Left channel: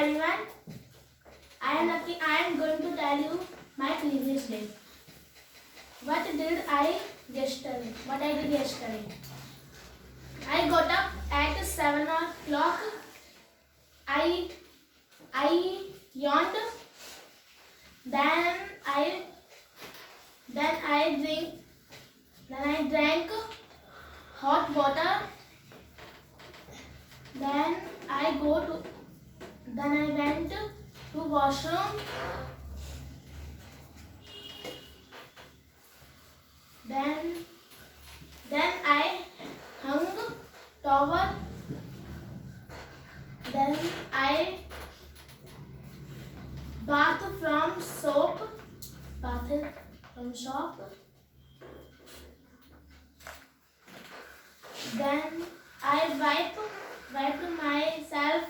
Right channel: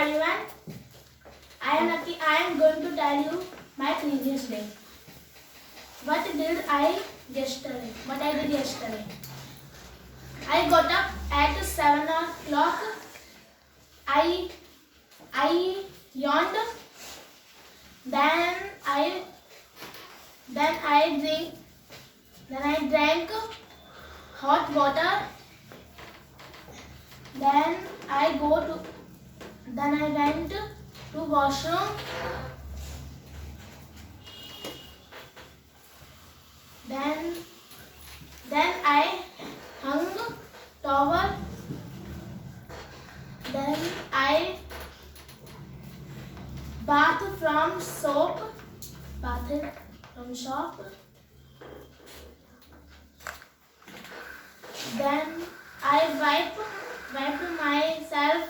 everyone. I am Lucky. I am going to tell you my previous day. What I did yesterday? I got up at 7 o'clock. I yawned. Then I drank hot water. Then I went to washroom. Then I hung towel. Then I bathed from shop. Then I wiped myself.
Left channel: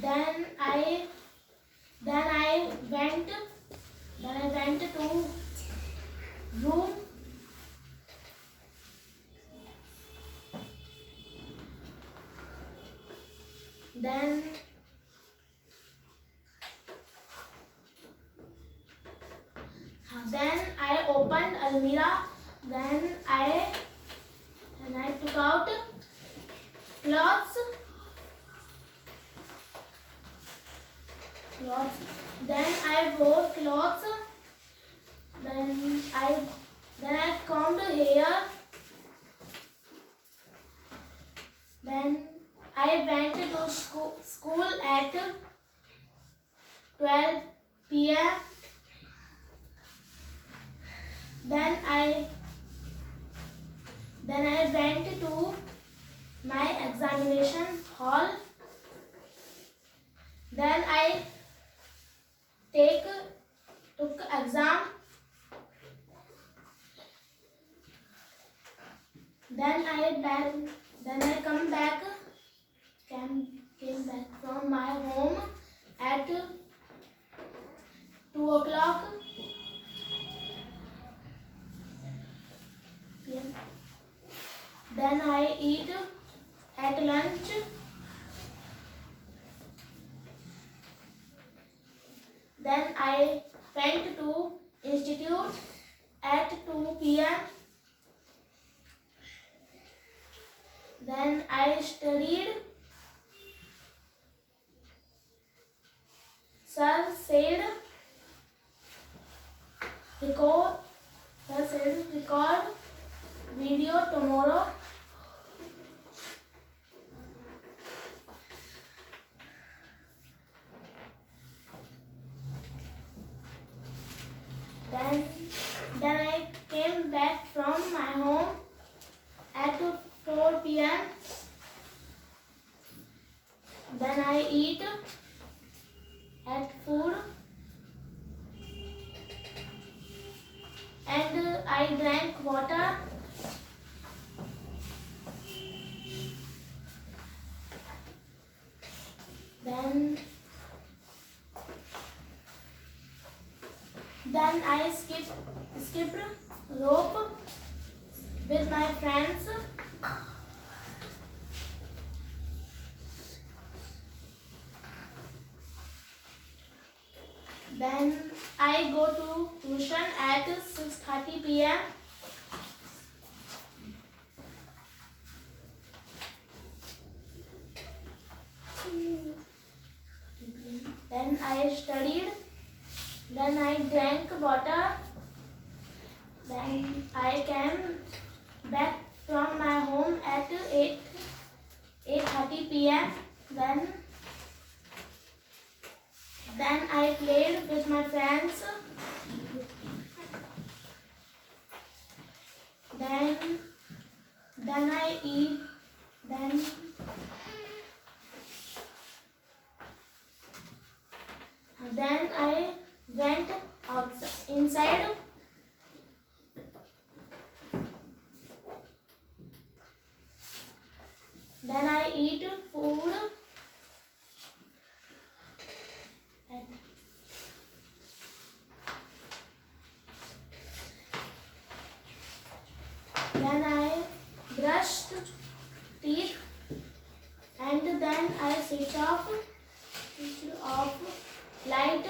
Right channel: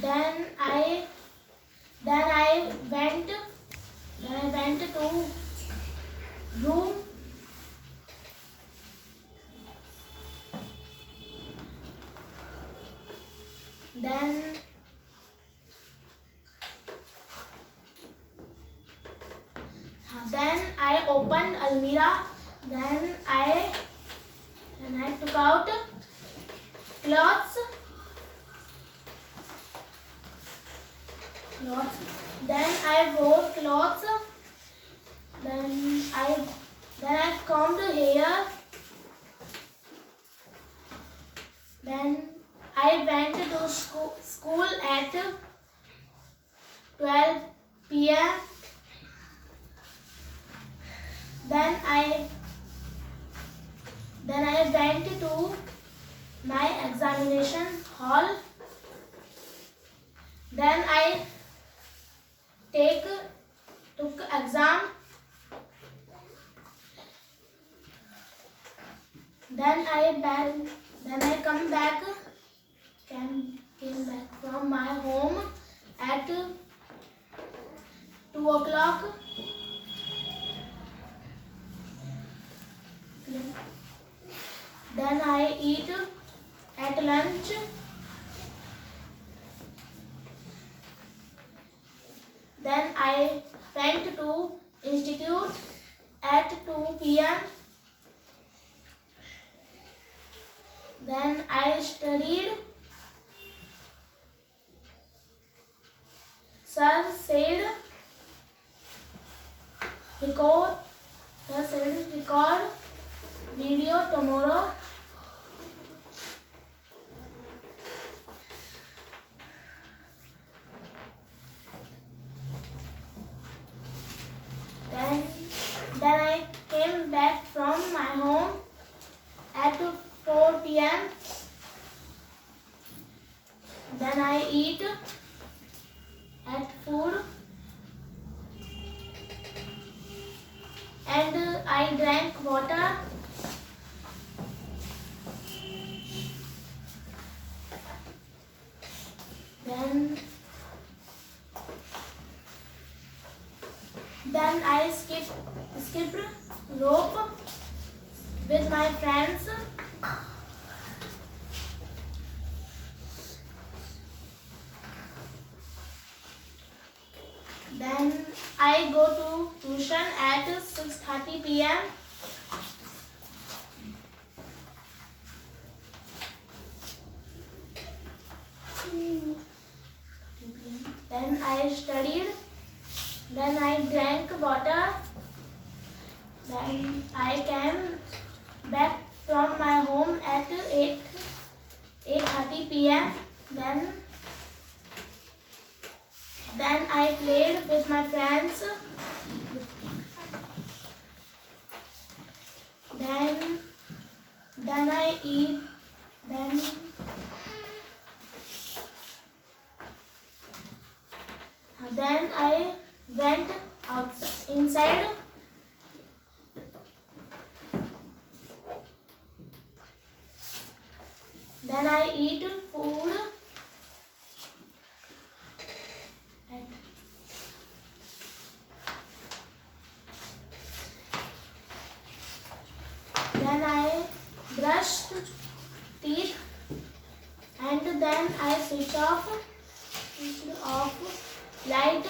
Then I went to room. Then I opened almirah. Then I took out clothes. Then I wore clothes. Then I combed hair. Then I went to school at 12 p.m. Then I went to my examination hall. Then I took exam. Then I came back from my home at 2 o'clock. Then I eat at lunch. Then I went to institute at 2 p.m. Then I studied. Sir said record video tomorrow. Then I came back from my home at 4 p.m. Then I eat at food and I drank water. Then I skipped rope with my friends. Then I go to tuition at 6:30 p.m. Then I studied. Then I drank water. Then I came back from my home at 8:30 p.m. Then I played with my friends. Then I eat. Then I went inside. Then I eat food. Then I brushed teeth and then I sit switch off light